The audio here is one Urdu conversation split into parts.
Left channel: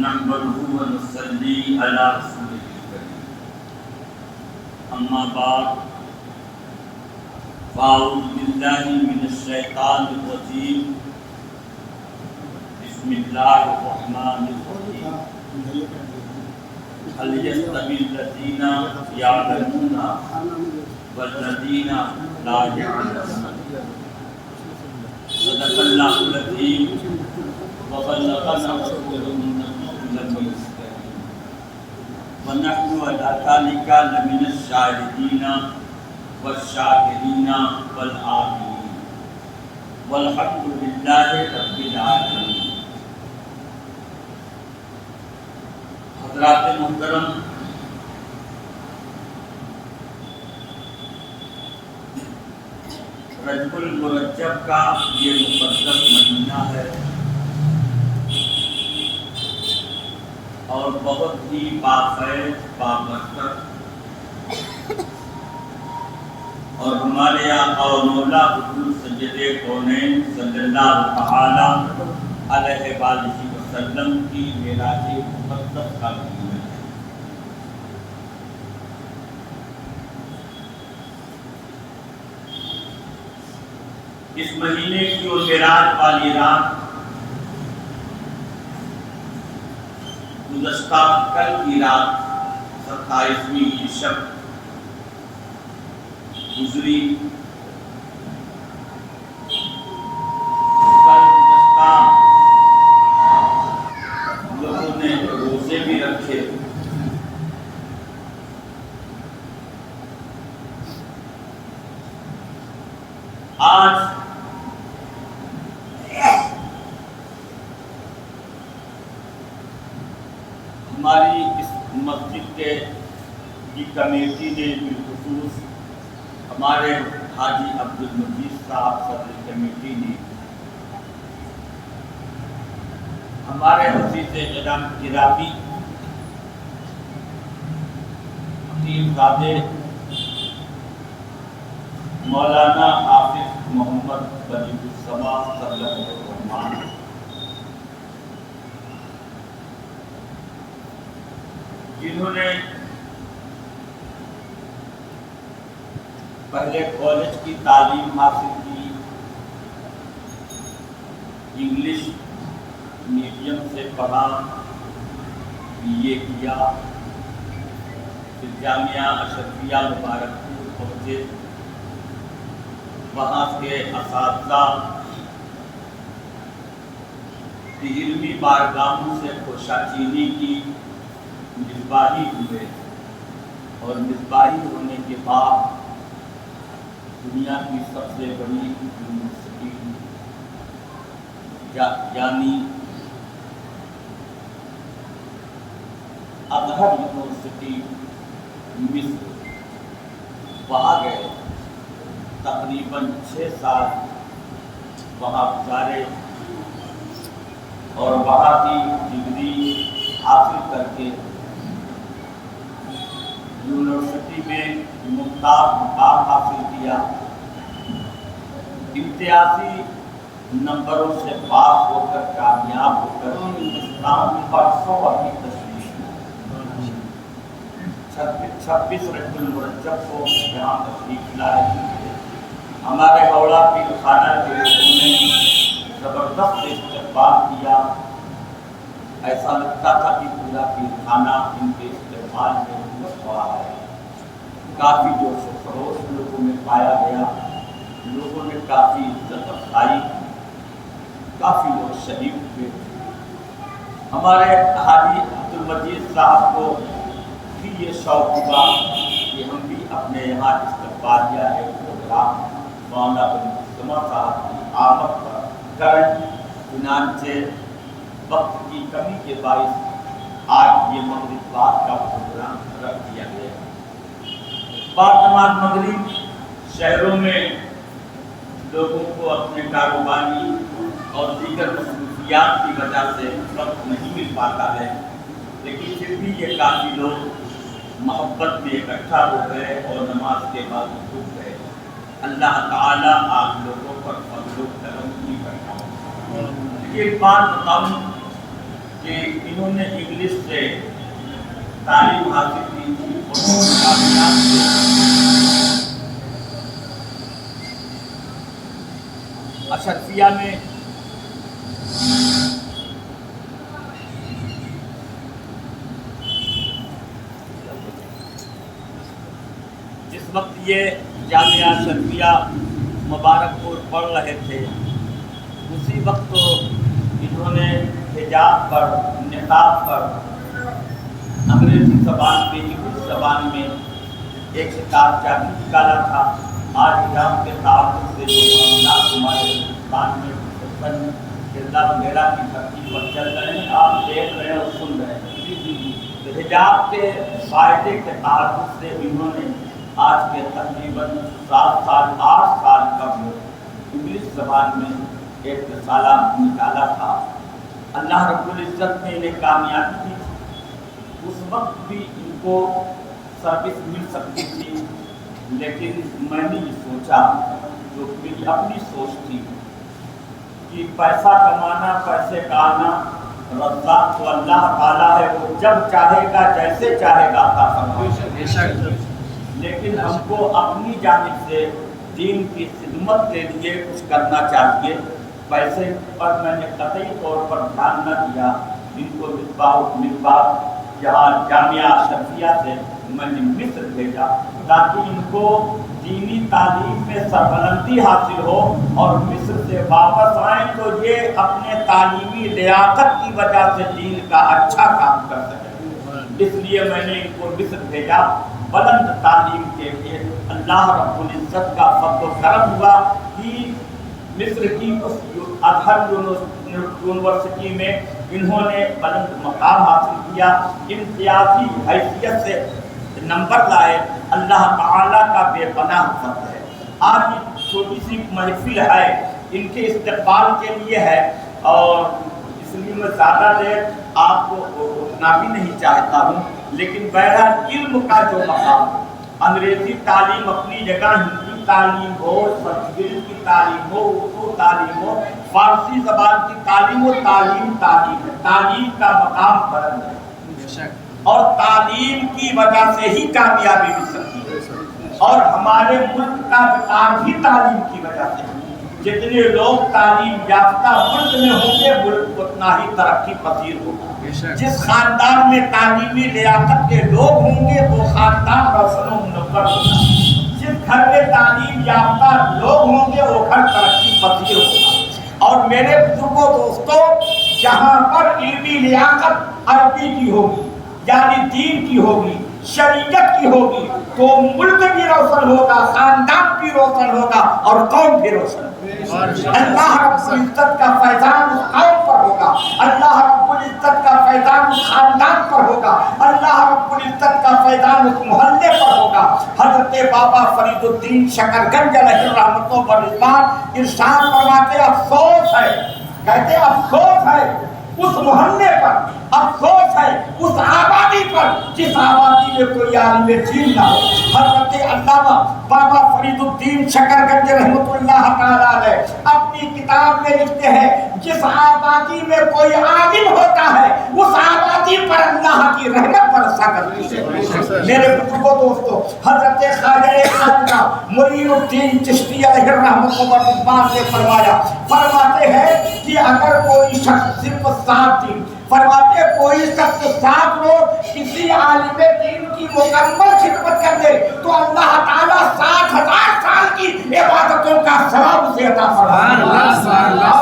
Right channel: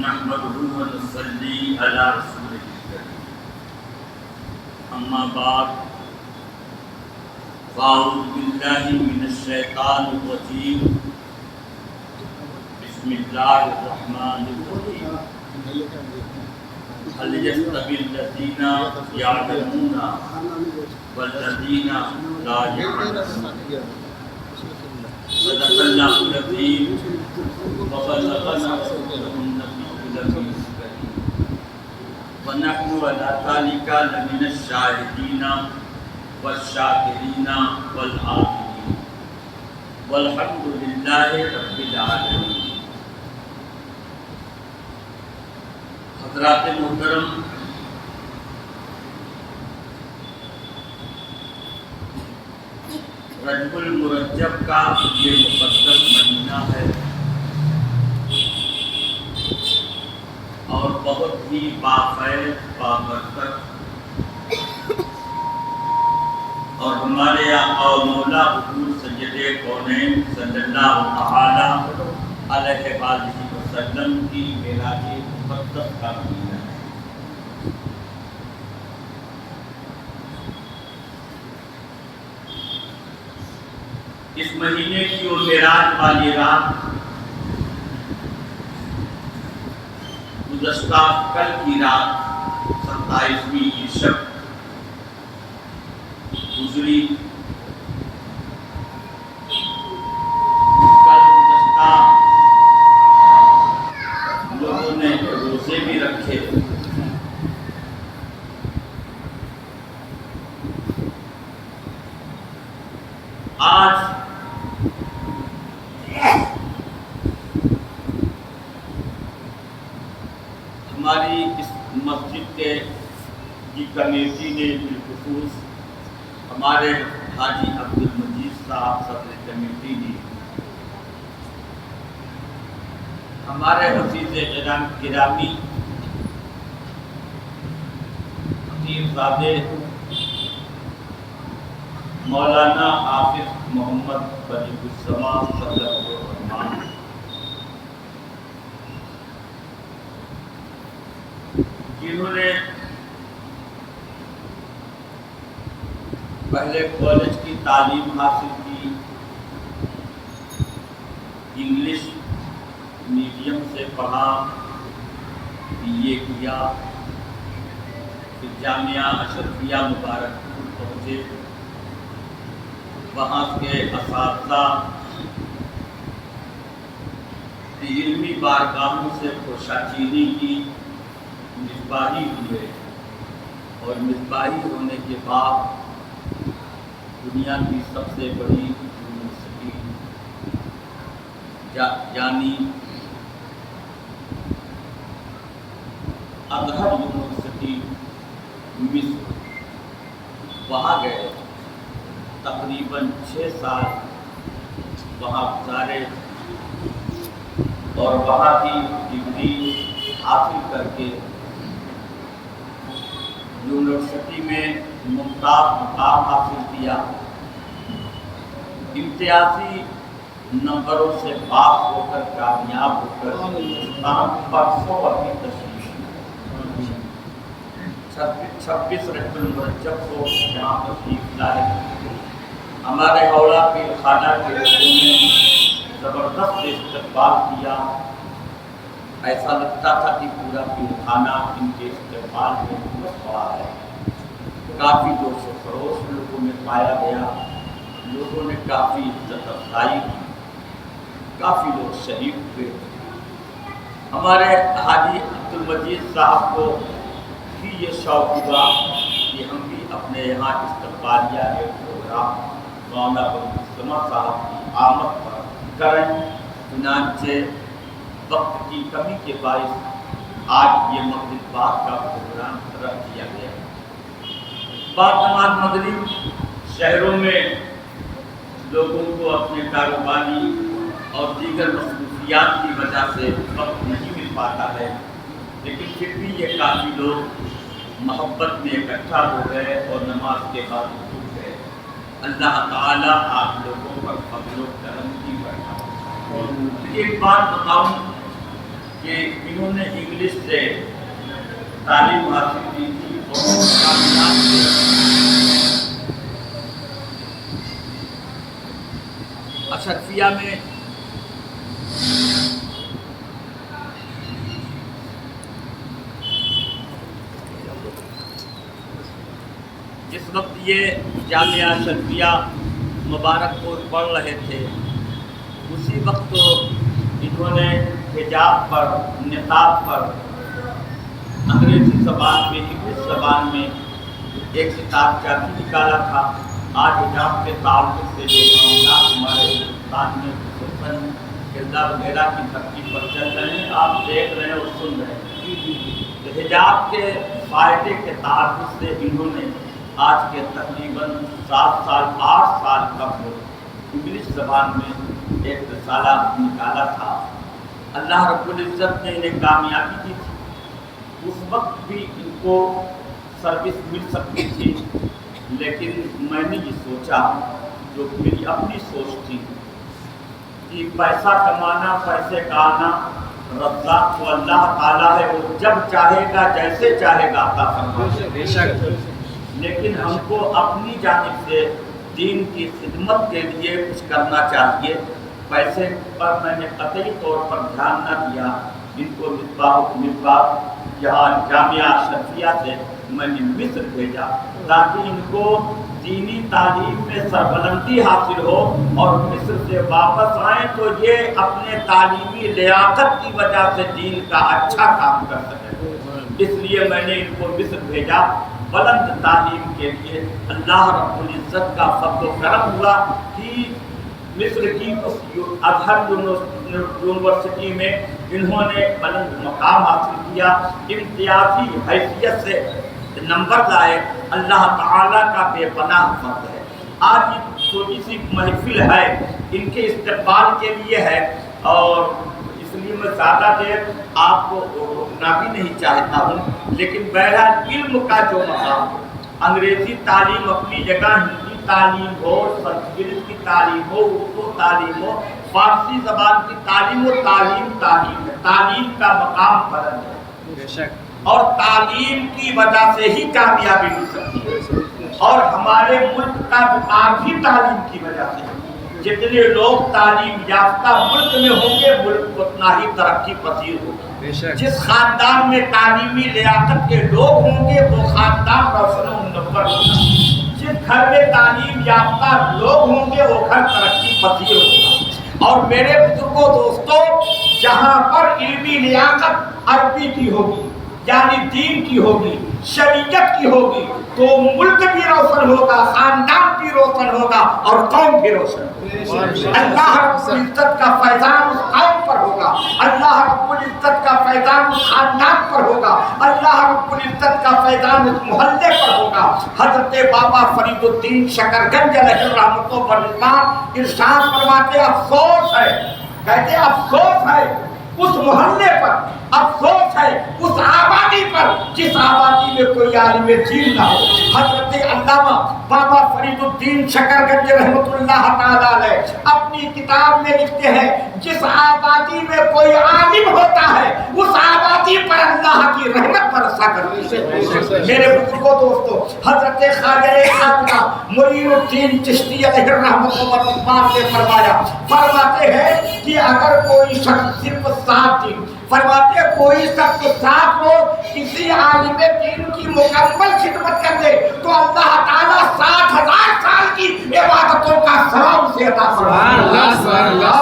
نحمده ونصلي على رسوله الكريم اما بعد فاعوذ بالله من الشیطان الرجیم بسم اللہ الرحمن الرحیم هل يستوي الذين يعلمون والذين لا يعلمون صدق اللہ العظیم وبلغنا رسوله النبي الأمين الكريم ونحن على ذلك لمن الشاهدين والشاكرين والعاملين والحمد لله رب العالمين. حضرات محترم، رجب المرجب کا یہ مقدس مہینہ ہے اور بہت ہی باخیر بابرکت، اور ہمارے آقا و مولا حضور سید کونین صلی اللہ تعالی علیہ وآلہ وسلم کی معراج مقدس کا مہینہ ہے. اس مہینے کی وہ معراج والی رات گزشتہ کل کی رات 27ویں کی شب گزری. کل گزشتہ لوگوں نے روزے بھی رکھے. آج ہماری اس مسجد کی کمیٹی نے بالخصوص ہمارے حاجی عبدالمجید صاحب صدر کمیٹی نے ہمارے عزیز گرامی خطیب زادے مولانا حافظ محمد بدیع السماء صلی اللہ علیہ وسلم جنہوں نے پہلے کالج کی تعلیم حاصل کی، انگلش میڈیم سے پڑھا، BA کیا، پھر جامعہ اشرفیہ مبارک پور پہنچے، وہاں کے اساتذہ علمی بارگاہوں سے خرشاچینی کی، مصباحی ہوئے، اور مصباحی ہونے کے بعد دنیا کی سب سے بڑی یونیورسٹی یعنی ازہر یونیورسٹی مصر، وہاں گئے. تقریباً 6 سال وہاں گزارے اور وہاں کی ڈگری حاصل کر کے یونیورسٹی میں ممتاز مقام حاصل کیا. امتیازی نمبروں سے پاس ہو کر کامیاب ہو کر ہندوستان پرسوں ابھی تشریف 26 رجب المرجب کو یہاں تشریف لائے. ہمارے ہاوڑہ پیر خانہ کے لوگوں نے زبردست استقبال کیا. ایسا لگتا تھا کہ پورا پیر خانہ ان کے استقبال میں ہوا ہے. کافی جوش و خروش لوگوں میں پایا گیا، لوگوں نے کافی عزت افزائی کی، کافی لوگ شریک ہوئے. ہمارے حاجی عبدالمجید صاحب کو بھی یہ شوق ہوا کہ ہم بھی اپنے یہاں استقبالیہ ایک پروگرام مولانا بدیع صاحب کی آمد پر کریں. چنانچہ وقت کی کمی کے باعث آج یہ مغرب بعد کا پروگرام رکھ دیا گیا. بعد نماز مغرب شہروں میں لوگوں کو اپنے کاروباری اور دیگر مصروفیات کی وجہ سے وقت نہیں مل پاتا ہے، لیکن پھر بھی یہ کافی لوگ محبت میں اکٹھا ہو گئے اور نماز کے بعد رک گئے. اللہ تعالیٰ آپ لوگوں پر فضل و کرم کی برکات. ایک بات بتاؤں، کہ انہوں نے انگلش سے تعلیم حاصل کی تھی اور کامیاب تھے۔ اشرفیہ میں جس وقت یہ جامعہ اشرفیہ مبارک پور پڑھ رہے تھے اسی وقت تو انہوں نے حجاب پر، نقاب پر انگریزی زبان میں، انگلش زبان میں ایک کتاب بھی نکالا تھا۔ آج حجاب کے تعلق سے جو معاملات ہمارے ہندوستان میں خصوصاً کردہ وغیرہ کی دھرتی پر چل رہے ہیں، آپ دیکھ رہے ہیں اور سن رہے ہیں، تو حجاب کے فائدے کے تعلق سے انہوں نے آج کے تقریباً 7 سال 8 سال قبل انگلش زبان میں ایک رسالہ نکالا تھا۔ اللہ رب العزت نے انہیں کامیابی دی تھی۔ اس وقت بھی ان کو سروس مل سکتی تھی، لیکن میں نے یہ سوچا، جو میری اپنی سوچ تھی، کہ پیسہ کمانا، پیسے کا آنا، رزاق تو اللہ تعالیٰ ہے، وہ جب چاہے گا جیسے چاہے گا عطا فرمائے گا، لیکن ہم کو اپنی جانب سے دین کی خدمت کے لیے کچھ کرنا چاہیے۔ پیسے پر میں نے قطعی طور پر دھیان نہ دیا۔ ان کو مصباح جہاں جامعہ اشرفیہ سے میں نے مصر بھیجا تاکہ ان کو دینی تعلیم میں سربلندی حاصل ہو، اور مصر سے واپس آئیں تو یہ اپنے تعلیمی لیاقت کی وجہ سے دین کا اچھا کام کر سکیں۔ اس لیے میں نے ان کو مصر بھیجا بلند تعلیم کے لیے۔ اللہ رب العزت کا فضل و کرم ہوا کہ مصر کی ازہر یونیورسٹی میں انہوں نے بلند مقام حاصل کیا، امتیازی حیثیت سے نمبر لائے۔ اللہ تعالیٰ کا بے پناہ فضل ہے۔ آج یہ چھوٹی سی محفل ہے، ان کے استقبال کے لیے ہے، اور اس لیے میں زیادہ دیر آپ کو روکنا بھی نہیں چاہتا ہوں، لیکن بہرحال علم کا جو مقام، انگریزی تعلیم اپنی جگہ، ہندی تعلیم ہو، سنسکرت کی تعلیم ہو، اردو تعلیم ہو، فارسی زبان کی تعلیم ہو، تعلیم ہے۔ تعلیم کا مقام بلند ہے، بے شک، اور تعلیم کی وجہ سے ہی کامیابی مل سکتی ہے، اور ہمارے ملک کا وقار بھی تعلیم کی وجہ سے ہے۔ جتنے لوگ تعلیم یافتہ ملک میں ہوں گے، ملک اتنا ہی ترقی پذیر ہوگا۔ جس خاندان میں تعلیمی لیاقت کے لوگ ہوں گے وہ خاندان روشن و منور ہوگا۔ جس گھر میں تعلیم یافتہ لوگ ہوں گے وہ گھر ترقی پذیر ہوگا۔ اور میرے بزرگوں دوستوں، جہاں پر علمی لیاقت عربی کی ہوگی، یعنی دین کی ہوگی، شریعت کی ہوگی، تو ملک بھی روشن ہوگا، خاندان بھی روشن ہوگا، اور قوم بھی روشن ہوگی۔ اللہ رب العزت کا فیضان اس قوم پر ہوگا، اللہ رب العزت کا فیضان اس خاندان پر ہوگا، اللہ رب العزت کا فیضان اس محلے پر ہوگا۔ حضرت بابا فرید الدین شکرگنج علیہ الرحمۃ و رضوان ارشاد فرماتے، افسوس ہے، کہتے افسوس ہے اس محلے پر، افسوس ہے اس آبادی پر جس آبادی میں کوئی عالم دین نہ ہو۔ حضرت علامہ بابا فرید الدین شکرگنج رحمۃ اللہ تعالیٰ علیہ اپنی کتاب میں لکھتے ہیں، جس آبادی میں کوئی عالم ہوتا ہے اس آبادی پر اللہ کی رحمت برسا کرتی ہے۔ میرے بزرگوں دوستوں، حضرت خواجہ خواجہ معین الدین چشتی علیہ الرحمۃ و رضوان نے فرماتے ہیں کہ اگر کوئی شخص صرف 7 دن، فرماتے کوئی شخص 7 روز کسی عالم دین کی مکمل خدمت کر دے تو اللہ تعالیٰ 60,000 سال کی عبادتوں کا ثواب اسے عطا فرماتا ہے،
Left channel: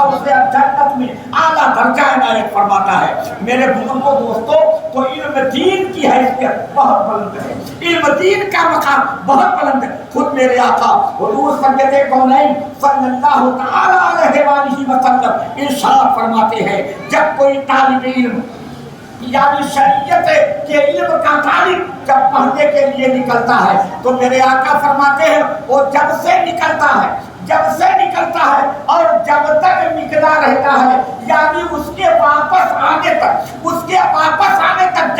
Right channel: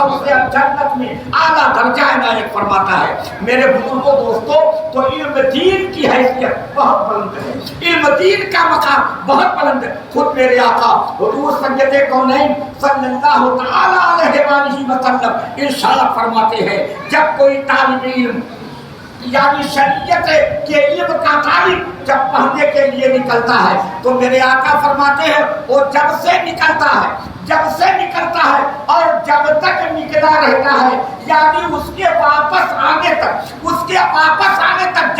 اسے جنت میں اعلیٰ درجہ عنایت فرماتا ہے۔ میرے بزرگوں دوستوں، تو علم دین کی حیثیت بہت بلند ہے، علم دین کا مقام بہت بلند ہے۔ خود میرے آقا حضور سید کونین صلی اللہ تعالیٰ علیہ وآلہ وسلم ارشاد فرماتے ہیں، جب کوئی طالب علم یعنی شریعت کے علم کا طالب جب پڑھنے کے لیے نکلتا ہے تو میرے آقا فرماتے ہیں وہ جب سے نکلتا ہے اور جب تک نکلا رہتا ہے، یعنی اس کے واپس آنے تک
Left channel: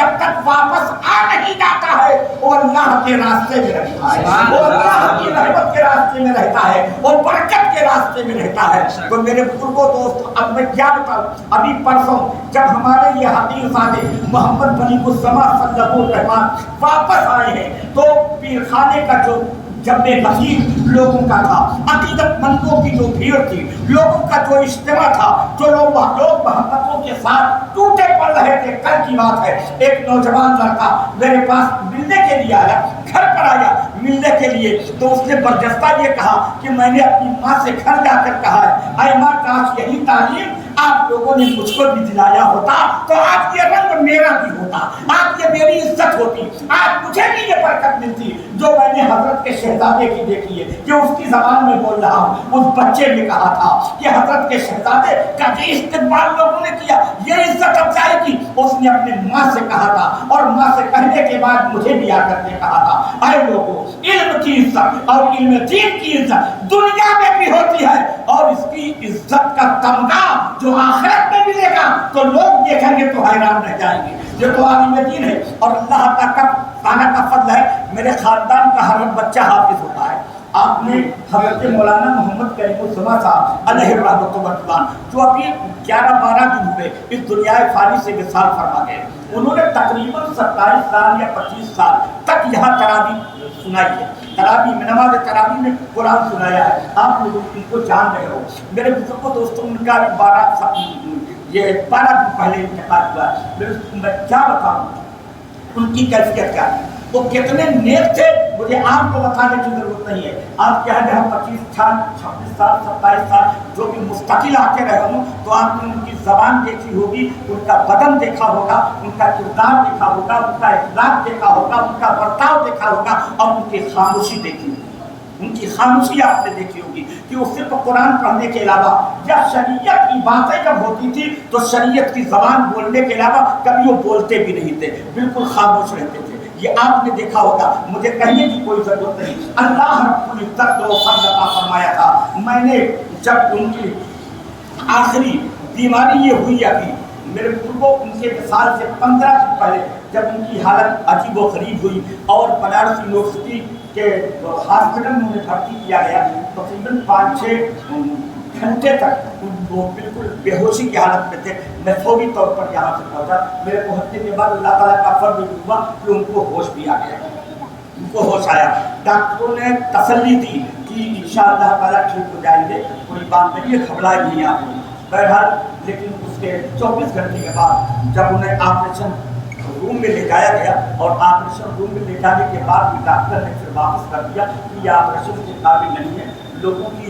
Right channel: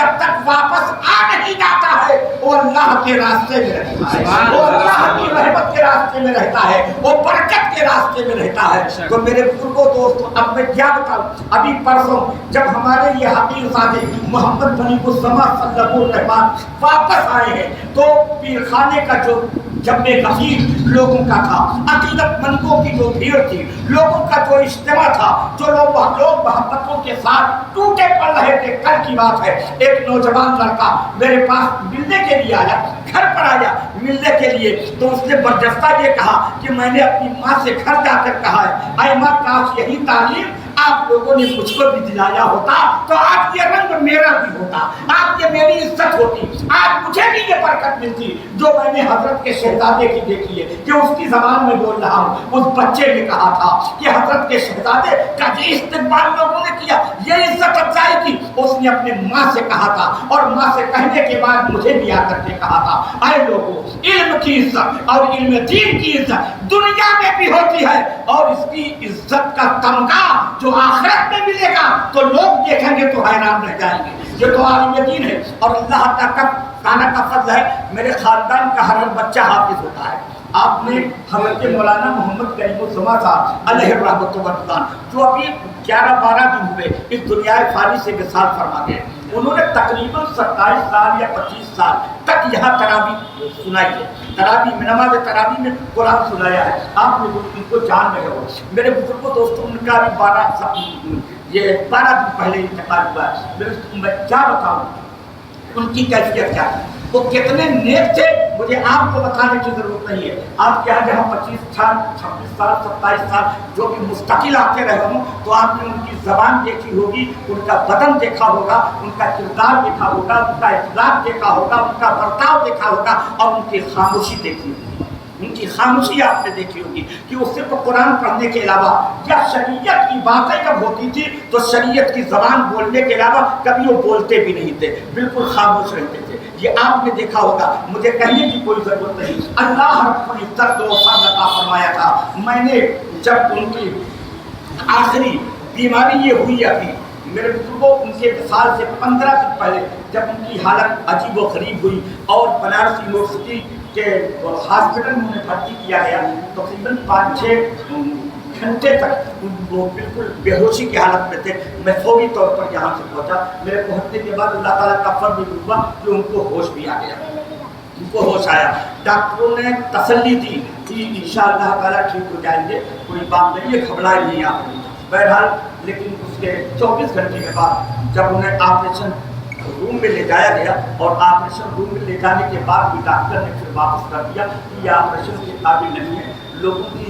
جب تک واپس آ نہیں جاتا ہے وہ اللہ کے راستے میں رہتا ہے، وہ اللہ کی رحمت کے راستے میں رہتا ہے، وہ برکت کے راستے میں رہتا ہے۔ تو میرے بزرگوں دوستوں، اب میں کیا بتاؤں، ابھی پرسوں جب ہمارے یہ حقیر زادے محمد بنی الزما صلی اللہ الرحمن واپس آئے ہیں تو پیر خانے کا جو جب غفیر لوگوں کا تھا، عقیدت مندوں کی جو بھیڑ تھی، لوگوں کا جو اجتماع تھا، جو لوگ محبتوں کے ساتھ ٹوٹے پڑ رہے تھے، کل کی بات ہے، ایک نوجوان لڑکا میرے پاس ملنے کے لیے آیا، گھر پر آیا ملنے کے لیے، تو اس نے برجستہ یہ کہا کہ میں نے اپنی ماں سے گھر جا کر کہا ہے، اے ماں کاش یہی تعلیم آپ لوگوں نے مجھ کو بھی دلایا ہوتا تو آج یہ رنگ میرا بھی ہوتا، آج یہ میری عزت ہوتی، آج مجھے بھی یہ برکت ملتی جو میں نے حضرت کے شہزادے کی دیکھی ہے کہ اس کی زبان میں بول رہا ہوں۔ اس بچے نے کہا تھا کہ حضرت کے شہزادے کا یہ استقبال لوگوں نے کیا، یہ عزت افزائی کی، اس نے اپنے ماں سے کہا تھا اور ماں سے کہنے کے بعد مجھے بھی آ کر کے کہا تھا، اے لوگوں علم کی عزت اور علم دین کی عزت دنیا میں بھی ہوتی ہے اور اس کی عزت کا تمغہ جو آخرت میں ملے گا تو لوگ دیکھیں گے تو حیران رہ جائیں گے۔ یہ تو عالم دین ہے اور اللہ تعالیٰ کا فضل ہے، میرے خاندان کا ہر بچہ حافظ ہوتا ہے۔ آپ نے حضرت مولانا محمد کریم الزما صاحب علیہ الرحمۃ والرضوان جو ابھی 11-12 دن ہوئے اس دنیا فانی سے وصال فرما گئے، انہوں نے تقریباً 27 سال یا 25 سال تک یہاں تراویح سنائی ہے، تراویح میں نماز تراویح میں قرآن سنایا ہے، آپ لوگ ان کو جان رہے ہو۔ میرے بزرگوں دوستوں، ان کا بھی 12 دن پہلے انتقال ہوا ہے۔ میں کیا بتاؤں ان کی کیفیت کیا ہے، وہ کتنے نیک تھے مجھے آپ کو بتانے کی ضرورت نہیں ہے۔ آپ کے یہاں جہاں 25 سال 26 سال 27 سال جو بھی مستقل آتے رہے ہوں تو آپ نے ان کی زبان دیکھی ہوگی، ان کا بدن دیکھا ہوگا، ان کا کردار دیکھا ہوگا، ان کا اخلاق دیکھا ہوگا، ان کا برتاؤ دیکھا ہوگا اور ان کی خاموشی دیکھی ہوگی، ان کی خاموشی آپ نے دیکھی ہوگی کہ وہ صرف قرآن پڑھنے کے علاوہ یا شریعت کی باتیں جب ہوتی تھی تو شریعت کی زبان بولنے کے علاوہ کبھی وہ بولتے بھی نہیں تھے، بالکل خاموش رہتے تھے۔ یہ آپ نے دیکھا ہوگا، مجھے کہنے کی کوئی ضرورت نہیں۔ اللہ رب العزت کو فضل عطا فرمایا تھا، میں نے جب ان کی آخری بیماری یہ ہوئی ابھی میرے بزرگوں ان کے وصال سے 15 دن پہلے جب ان کی حالت عجیب و غریب ہوئی اور بنارس یونیورسٹی کے ہاسپٹل میں انہیں بھرتی کیا گیا، تقریباً 5-6 گھنٹے تک وہ بالکل بے ہوشی کی حالت میں تھے۔ میں فوری طور پر یہاں سے پہنچا، میرے پہنچنے کے بعد اللہ تعالیٰ کا فضل ہوا کہ ان کو ہوش بھی آ گیا، ان کو ہوش آیا۔ ڈاکٹروں نے تسلی دی کہ انشاءاللہ تعالیٰ ٹھیک ہو جائیں گے، کوئی بات نہیں ہے، گھبرائے نہیں آپ کو۔ بہرحال لیکن اس کے 24 گھنٹے کے بعد جب انہیں آپریشن روم میں لے جایا گیا اور آپریشن روم میں لے جانے کے بعد بھی ڈاکٹر نے پھر واپس کر دیا کہ یہ آپریشن کے قابل نہیں ہے، لوگوں کی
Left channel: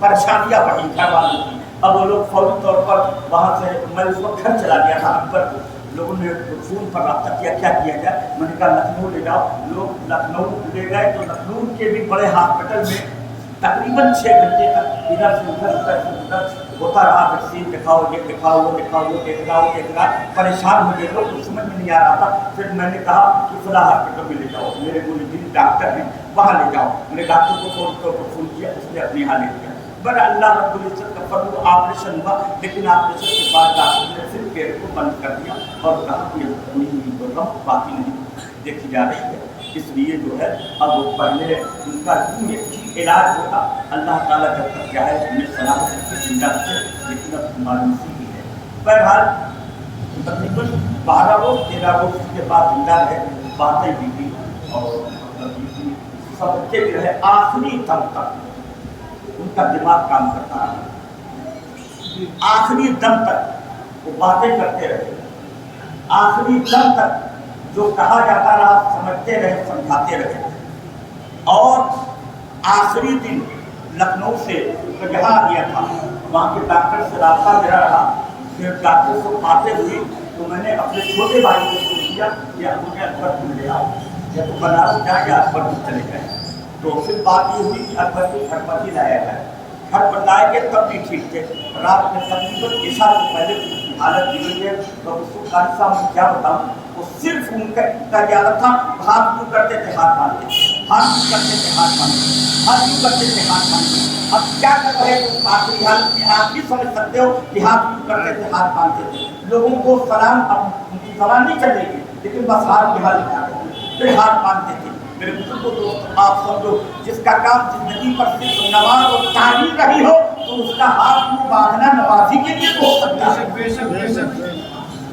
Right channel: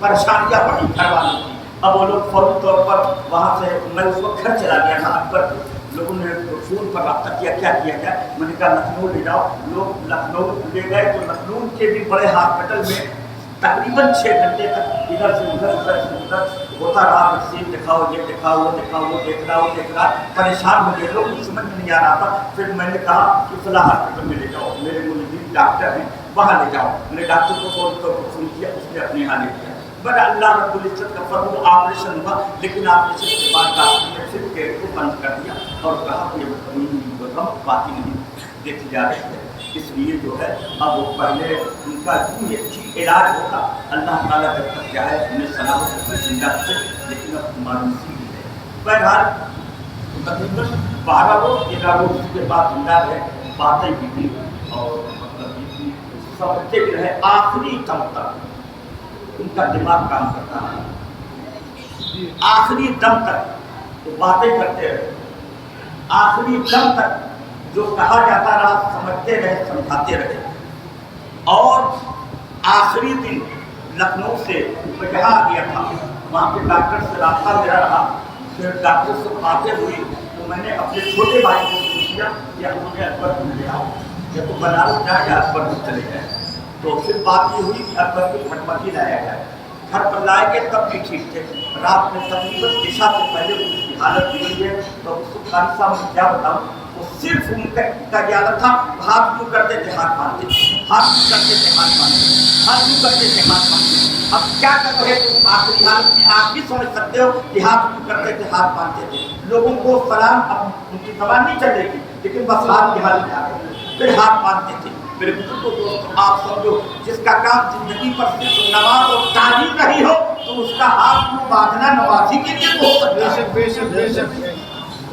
پریشانیاں بڑھی گھر والوں کی۔ اب وہ لوگ فوری طور پر وہاں سے، میں اس وقت گھر چلا گیا تھا اکبر سے، لوگوں نے فون پر رابطہ کیا کیا کیا جائے، میں نے کہا لکھنؤ لے جاؤ۔ لوگ لکھنؤ لے گئے تو لکھنؤ کے بھی بڑے ہاسپٹل میں تقریباً 6 گھنٹے تک ادھر سے ادھر ادھر سے ادھر ہوتا رہا، ویکسین دکھاؤ، یہ دکھاؤ، وہ دکھاؤ، وہ دیکھ رہا، پریشان ہو گئے لوگ، کچھ سمجھ میں نہیں آ رہا تھا۔ پھر میں نے کہا کہ فلاں ہاسپٹل میں لے جاؤ، میرے ملزم ڈاکٹر ہیں وہاں لے جاؤ۔ میں نے ڈاکٹر کو فون طور پر فون کیا، اس نے اپنے یہاں لے دیا۔ بڑا اللہ رب العزت کا فضل، آپریشن ہوا، لیکن آپریشن کے بعد ڈاکٹر نے پھر پیٹ کو بند کر دیا اور کہا کہ کوئی غم باقی نہیں دیکھی جا رہی ہے، اس لیے جو ہے اب وہ پہلے ان کا اچھی علاج ہوگا۔ اللہ تعالیٰ جب تک کیا ہے انہیں سلامت سے زندہ رکھے، لیکن اب معلوم سی بھی ہے۔ بہرحال تقریباً 12 روز 13 روز کے بعد زندہ رہے، باتیں بھی کی اور مطلب بھی سمجھتے بھی رہے، آخری دم تک ان کا دماغ کام کرتا رہا، آخری دم تک وہ باتیں کرتے رہے، آخری دم تک جو کہا جاتا رہا سمجھتے رہے، سمجھاتے رہے۔ اور آخری دن لکھنؤ سے جہاں گیا تھا وہاں کے ڈاکٹر سے رابطہ میرا رہا، پھر ڈاکٹر سے باتیں ہوئی تو میں نے اپنے چھوٹے بھائی کو پوچھ دیا کہ مجھے اکبر کو لے آؤ، یا تو بنارس جائیں یا اکبر کو چلے گئے۔ تو پھر بات یہ ہوئی کہ اکبر کو گھر پر ہی لایا گیا، گھر پر لائے گئے تب بھی ٹھیک تھے۔ رات میں تقریباً عشاء سے پہلے ان کی حالت بگڑی ہے، تو اس کو قاری صاحب میں کیا بتاؤں، وہ صرف ان کا عادت تھا، ہاتھ یوں کرتے تھے ہاتھ باندھتے تھے، ہاتھ یوں کرتے تھے ہاتھ باندھتے تھے، ہاتھ یوں کرتے تھے ہاتھ باندھتے تھے۔ اب کیا کر رہے تھے آخری حالت میں، آپ بھی سمجھ سکتے ہو کہ ہاتھ یوں کرتے تھے ہاتھ باندھتے تھے، لوگوں کو سلام ان کی زبان نہیں چلے گی لیکن بس ہاتھ کے حل میں آ گئے پھر ہاتھ باندھتے تھے. میرے بزرگوں دوستوں آپ سمجھو جس کا کام زندگی پر صرف نماز اور تعلیم رہی ہو تو اس کا ہاتھ منہ باندھنا نمازی کے لیے تو ہو سکتا ہے.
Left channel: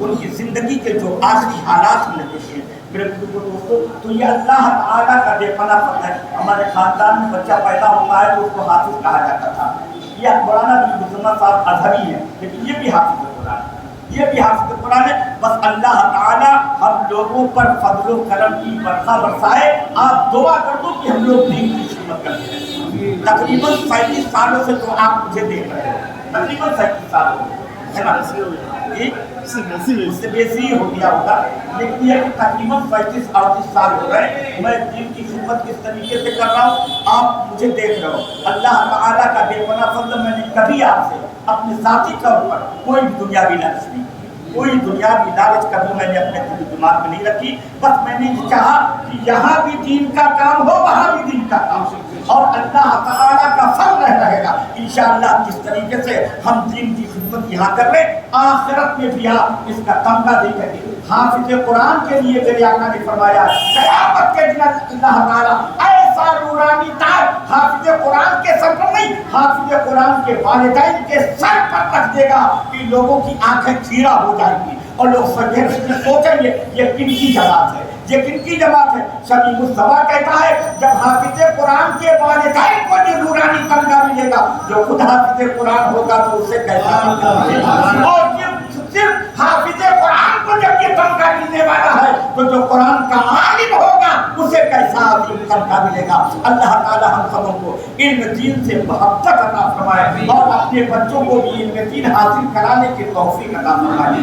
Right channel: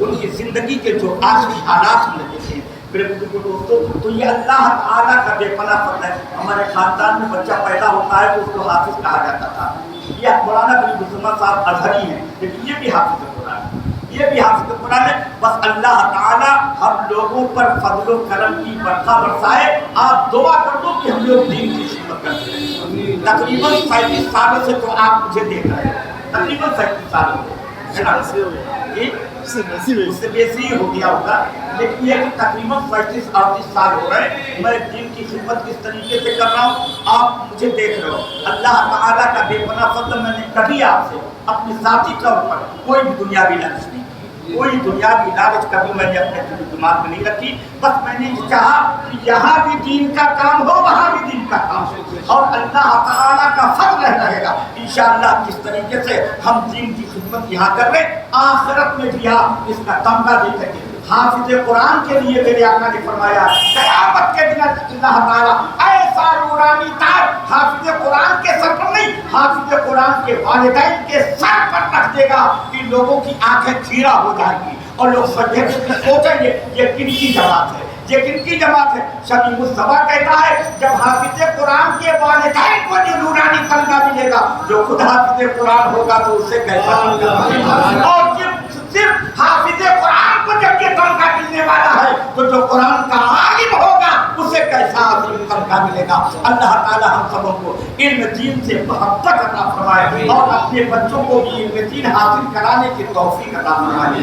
ان کی زندگی کے جو آخری حالات میں دیکھیں میرے بزرگوں دوستوں تو یہ اللہ تعالیٰ کا بے پناہ فضل ہے. ہمارے خاندان میں بچہ پیدا ہوتا ہے تو اس کو حافظ کہا جاتا تھا. یہ مولانا بلی مسلم صاحب اظہری ہیں لیکن یہ بھی حافظ قرآن ہے, یہ بھی حافظ قرآن ہے. بس اللہ تعالیٰ ہم لوگوں پر فضل و کرم کی برکھا برسائے. آپ دعا کر دو کہ ہم لوگ دین کی خدمت کرتے ہیں. تقریباً 35 سالوں سے تو آپ مجھے دیکھ رہے ہیں, تقریباً 35 سالوں سے ہے نا, اس سے بیسی ہو گیا ہوگا لیکن یہ کہ تقریباً 35-38 سال ہو رہے میں دین کی خدمت کس طریقے سے کر رہا ہوں آپ مجھے دیکھ رہے ہو. اللہ تعالیٰ کا بے پناہ فضل. میں نے کبھی آپ سے اپنے ذاتی طور پر کوئی بھی دنیاوی لالچ نہیں کی, کوئی دنیاوی لالچ کبھی میں نے اپنے دماغ میں نہیں رکھی. بس میں نے یہ چاہا کہ یہاں بھی دین کا کام ہو وہاں بھی دین کا کام ہو اور اللہ تعالیٰ کا فضل رہے گا انشاءاللہ. کس طریقے سے ہم دین کی خدمت یہاں کر رہے آخرت میں بھی آپ اس کا تمغہ دے کر کے حافظ قرآن کے لیے میرے آقا نے فرمایا قیامت کے دن اللہ تعالیٰ ایسا نورانی تاج حافظ قرآن کے سر پر نہیں حافظ قرآن کے والدین کے سر پر رکھ دے گا کہ لوگوں کی آنکھیں چیرا ہو جائیں گی اور لوگ سوچیں گے یہ کن کی جماعت ہے, یہ کن کی جماعت ہے. شبی مصطفیٰ کہتا ہے جب حافظ قرآن کے والدین کو جو نورانی تمغہ ملے گا جو خود حافظ قرآن ہوگا تو اسے کیسا تمغہ, اور صرف حافظ قرآن کو جب یہ تمغہ ملنے والا ہے تو جو قرآن کا عالم ہوگا اسے کیسا عظیم تمغہ ملے گا. اللہ تعالی ہم سبوں کو علم دین سے محبت عطا فرمائے اور اپنے بچوں کو بھی علم دین حاصل کرانے کی توفیق عطا فرمائے.